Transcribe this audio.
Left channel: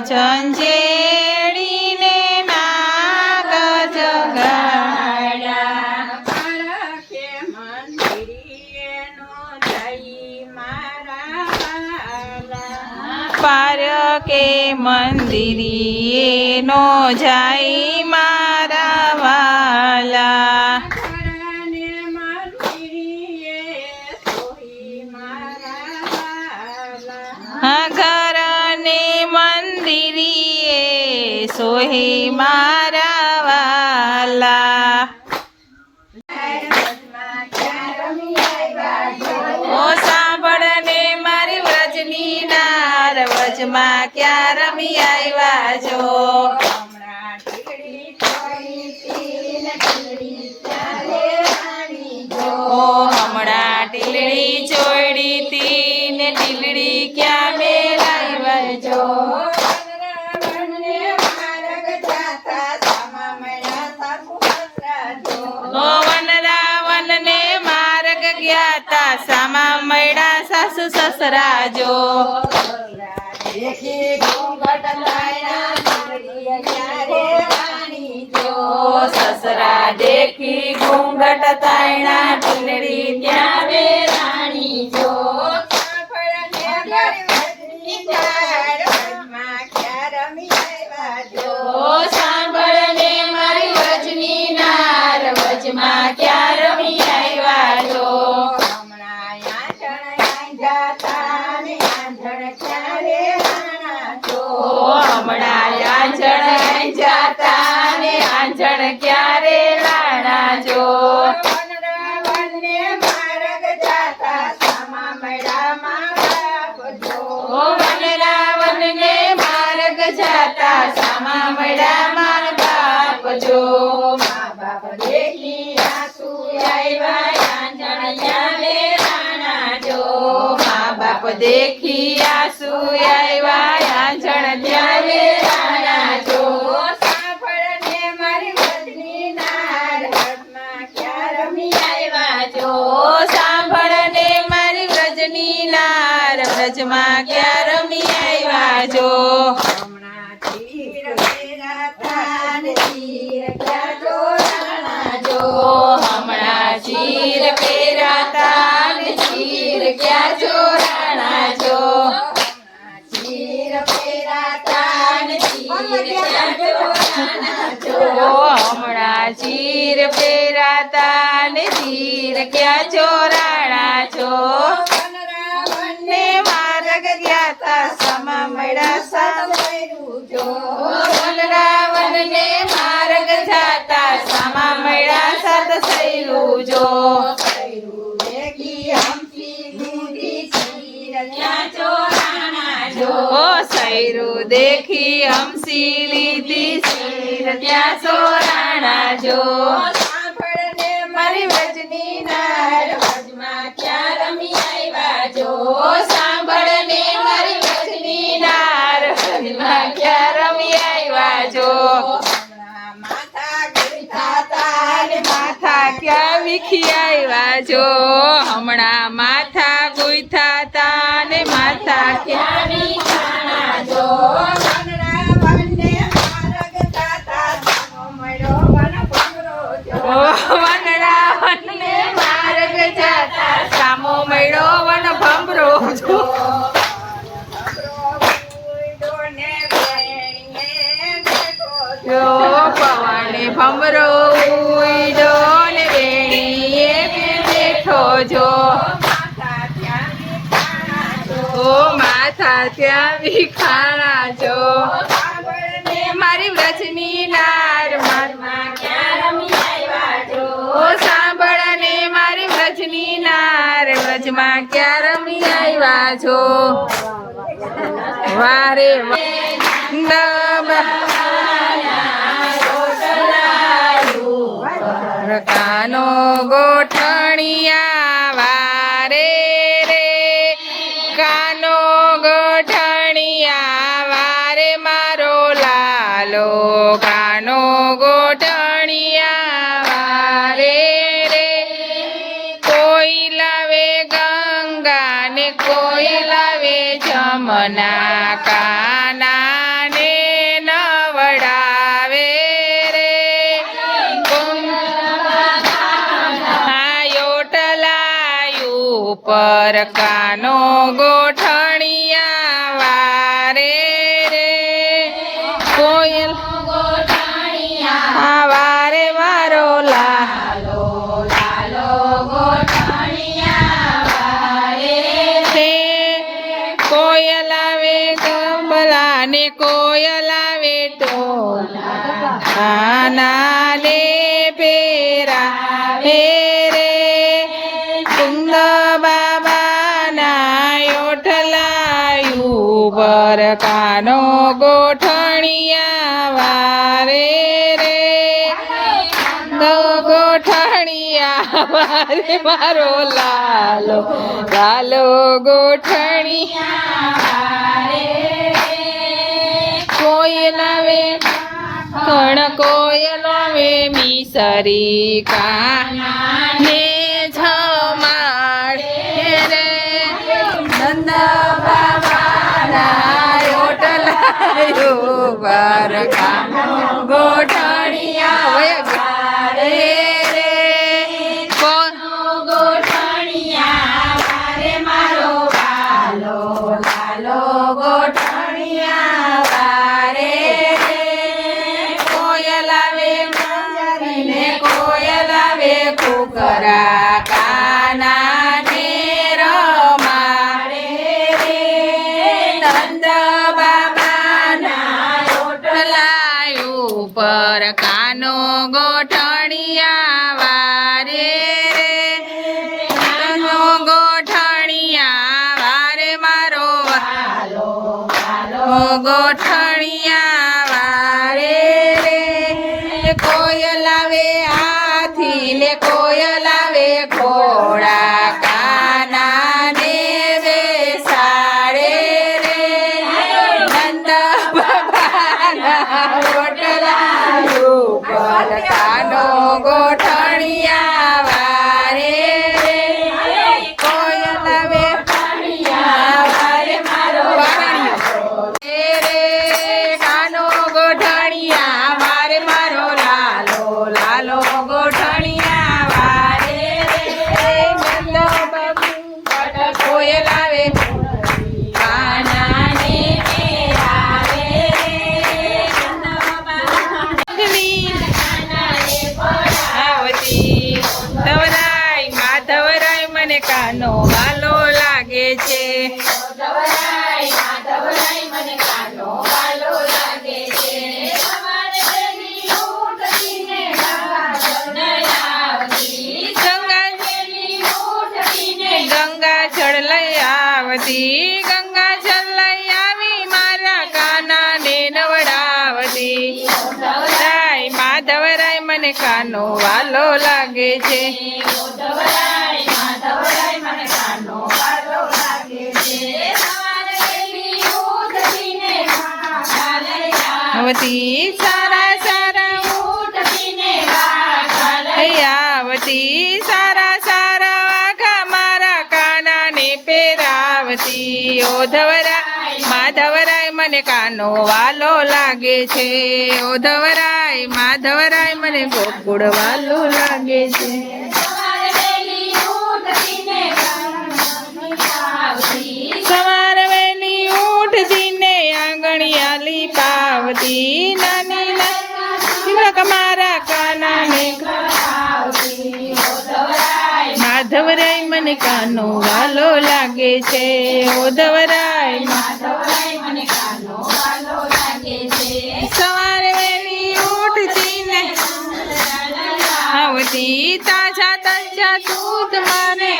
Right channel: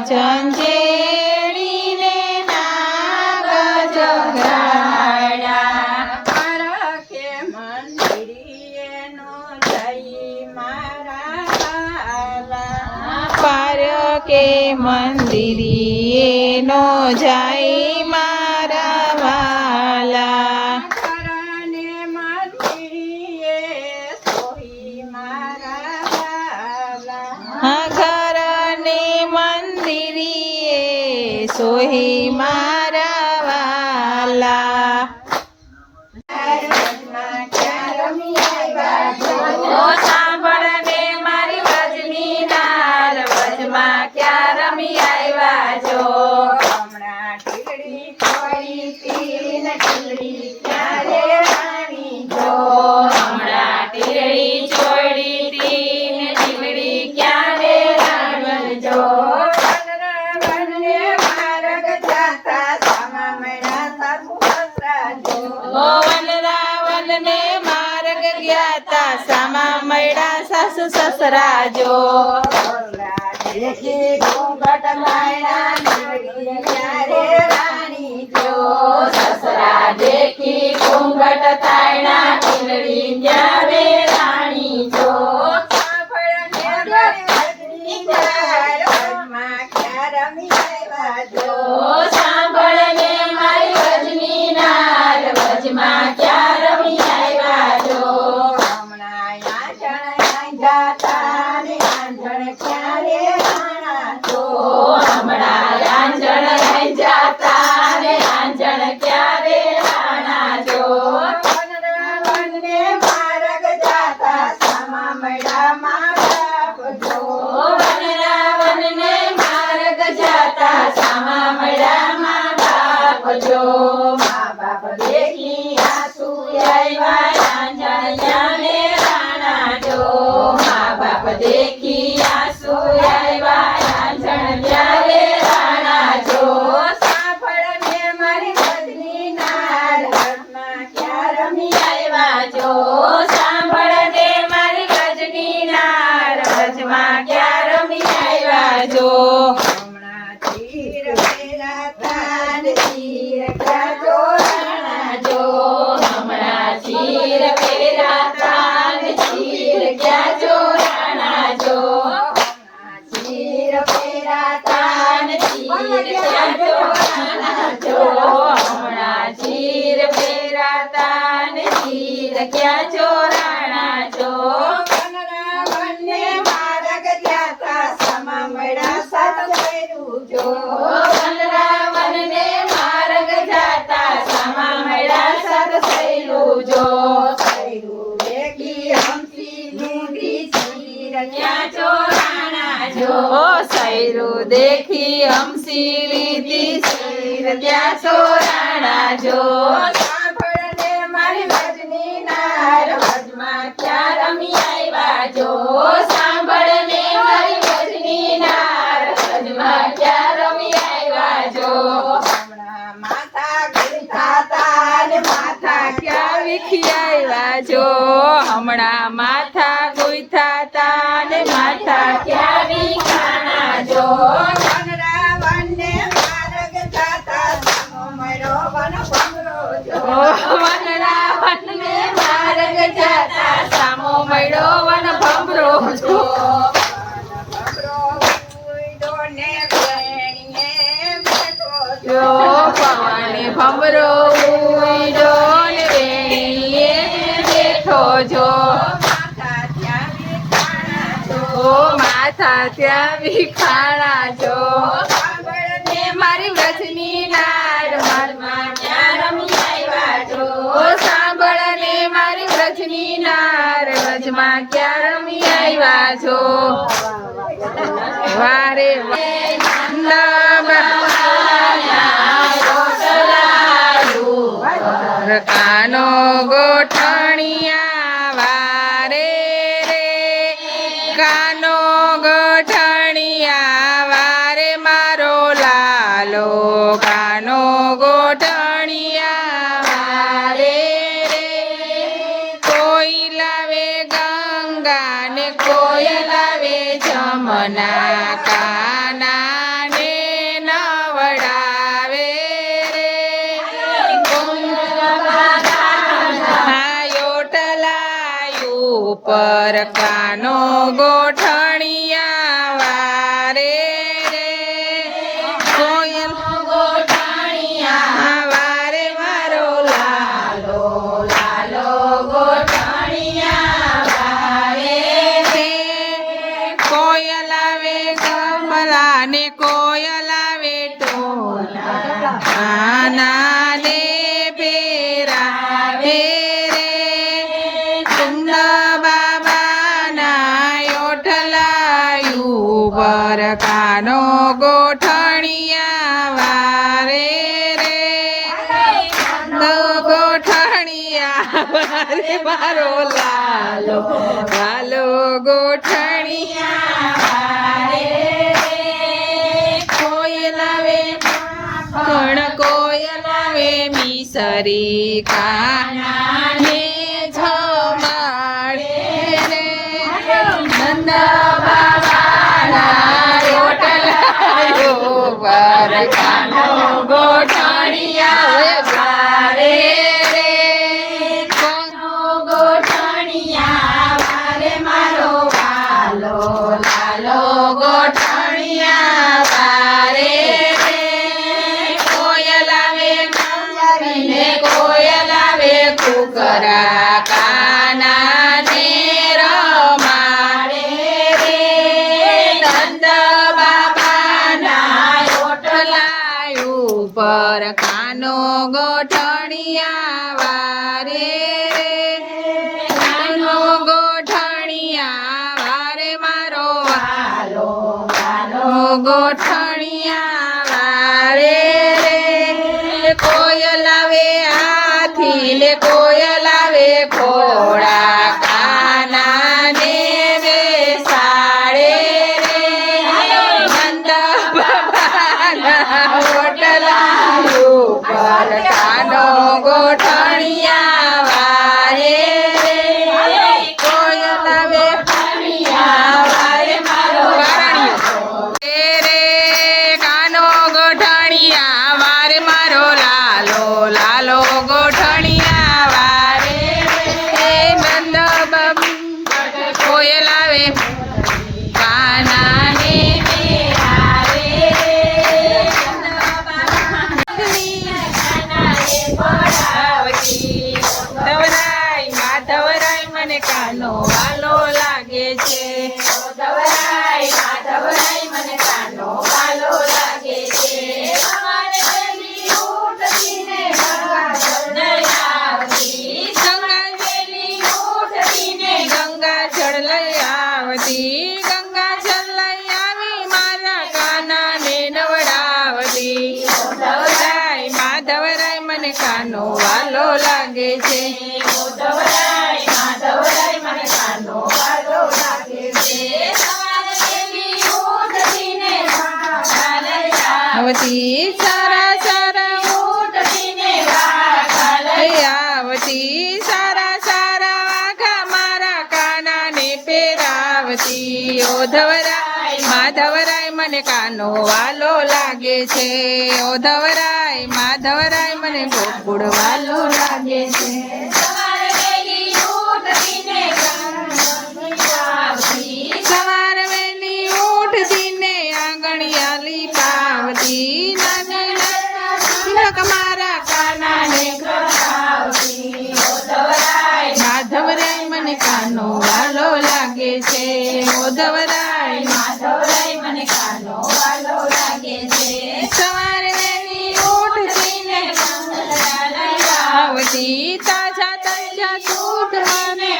ઝંઝેડીને નાગ જગાડ્યા પારકે મંદિરીએ નો જઈ મારા વાલા પારકે મંદિરીએ નો જાય મારા વાલા ઘરને મંદિરીએ સોહી મારા વાલા ઘરને મંદિરીએ સોહી મારા વાલા ઓ સાંભળને મારી વ્રજની નાર વ્રજમાં ક્યાં રમી આવ્યા છો હમણાં ટીકડી થોડી પીને ટીકડી ક્યારે રાણી જો હમણાં ટીલડી ચોડી તી ને ટીલડી ક્યાં મેળાવલ જો વનરાવનને માર્ગ જાતા સામા મળ્યા સાસુ સસરા જો ઓ વનરાવનને માર્ગ ગયા તા સામા મળ્યા સાસુ સસરા જો દેખી ઘૂંઘટ લાયા ટીકડી ક્યારે રાણી જો સસરા દેખી ઘૂંઘટ તાયણા ટીલડી ક્યાં મેળાણી જો સાંભળને મારી વજની નાર વનમાં ક્યાં રમી આવ્યા જો ઓ સાંભળને મારી વ્રજની નાર વ્રજમાં ક્યાં રમી આવ્યા જો હમણાં આંધણ જાતા ને આંધણ ક્યારે રાણા જો હમણાં આંજણ જાતા ને આંજણ ક્યારે રાણા જો વનરાવનને માર્ગ જાતા સામા મળ્યા મા બાપ જો ઓ વનરાવનને માર્ગ જાતા સામા મળ્યા મા બાપ જો મા બાપ દેખી આંસુ આવ્યા આંજણ ક્યારે રાણા જો મા બાપ દેખી આંસુ આવ્યા આંજણ ક્યારે રાણા જો સાંભળને મારી વજની નાર વનમાં ક્યાં રમી આવ્યા જો સાંભળને મારી વ્રજની નાર વ્રજમાં ક્યાં રમી આવ્યા જો હમણાં તીર પહેરાતા ને તીર ક્યાં જોડાણા જો હમણાં ચીર પહેરાતા ને ચીર ક્યાં ચોરાણા જો તીર પહેરાતા ને ચીર ક્યાં ચોરાણા જો હમણાં ચીર પહેરાતા ને ચીર ક્યાં ચોરાણા જો વનરાવનને માર્ગ જાતા સમા મળ્યા સાત ભૈરું જો વનરાવનને માર્ગ જાતા સામા મળ્યા સાત સૈલું જો ભૈરું દેખી હમસી દૂધી ચીર ક્યાં ચોરાણા જો સૈરું દેખી હમસી લીધી શીર ત્યાં ચોરાણા જો સાંભળને મારી વજની નાર વ્રજમાં ક્યાં રમી આવ્યા જો સાંભળને મારી વ્રજની નાર વ્રજમાં ક્યાં રમી આવ્યા જો હમણાં માથા ગીરધાતા ને માથા ક્યાં વીખી આવ્યા જો હમણાં માથા ગુંથાતા ને માથા ક્યાં વીખાણા જો વનરાવનને માર્ગ જાતા સામો મળ્યો વનભમરો જો વનરાવનને માર્ગ જાતા સામો મળ્યો વનભમરો જો ભમરો ઉડ્યો ને વેણીએ બેઠો જો પવને ભમરો ઉડ્યો ને વેણીએ બેઠો જો માથા ત્યાં વિખાણા જો ઓ માથા ત્યાં વિખાણા જો સાંભળને મારી વ્રજની નાર મનમાં ક્યાં રમી આવ્યા જો સાંભળને મારી વ્રજની નાર વ્રજમાં ક્યાં રમી આવ્યા છો વારે કાનો ગોઠણિયા વારે રે કાનો ગોઠણિયા વારે મારો લાલો કાનો ગોઠણિયા વારે રે કોઈ લાવે ગંગા ને કોઈ લાવે જમના કાના ઉપર કાનો ગોઠણિયા વારે રે કોયલ ગોઠણિયા વારે મારો લાલો લાલો ગોઠણિયા વારે તે કોયલ આવે કમલા ને કોયલ આવે ટોલા આના ને પેરા રે કુંદ બાબાના ઓઠલાયું પર કાનો ગોઠણિયા વારે રે ગોઠણિયા વારે મારો લાલો લાલો ગોઠણિયા કોયલ આવે કણ કોયલ આવે મિસરી કાને જમાડે રે નંદ બાબાના ઓટલાયો વાર કાનો ગોઠણિયા વારે રે ગોઠણિયા વારે મારો લાલો લાલો ગોઠણિયા વારે રે કોયલ આવે ને કોયલ આવે કુકરા કાના ને રમાડે રે નંદ બાબાના ઓટલાયું પર કાનો ગોઠણિયા વારે રે કાનો ગોઠણિયા વારે મારો લાલો લાલો ગોઠણિયા વારે રે કોયલ આવે હાથી લે કોયલ આવે ઘોડા કાના ને બેસાડે રે નંદ બાબાના ઓટલાયું પર કાનો ગોઠણિયા વારે રે કોયલ આવે વારે મારો રે કાનો ગોઠણિયા વારે મારો લાલો લાલો ગોઠણિયા વારે રે નંદ બાબુ કોયલ આવે કાના ને આવતી ધવરાય માધવરાય મને કાનો વાલો લાગે છે માધવરાય મને કાનો વાલો લાગે છે તમારે પેલી ઉઠતીને ગંગા આવતી ગંગા પેલી ઉઠતીને ગંગા જળ લઈ આવતી ગંગા જળ લઈ આવી મારા કાના ને નવડાવતી ધવરાય માધવરાય મને કાનો વાલો લાગે છે માધવરાય મને કાનો વાલો લાગે છે તમારે પેલી ઉઠતીને ગંગા લઈ આવતી સારા સારા ઉઠતીને ગંગા લઈ આવતી સારા સારા વાઘા મારા કાના ને પહેરાવતી ઓ ધવરાય માધવરાય મને કાનો વાલો લાગે છે ઓ ધવરાય માધવરાય મને ગોકુળ વાલો લાગે છે તમારે પેલી ઉઠતીને ગંગા આવતી સવાર વહેલી ઉઠતીને આંગણિયાલી પાવતી નાની નાની મારા કાના ને માધવરાય મને કાનો વાલો લાગે છે ઓ ધવરાય મને કાનો વાલો લાગે છે સવારે વહેલી ઉઠતી ને આવતી તાજા તાજા દૂધ મને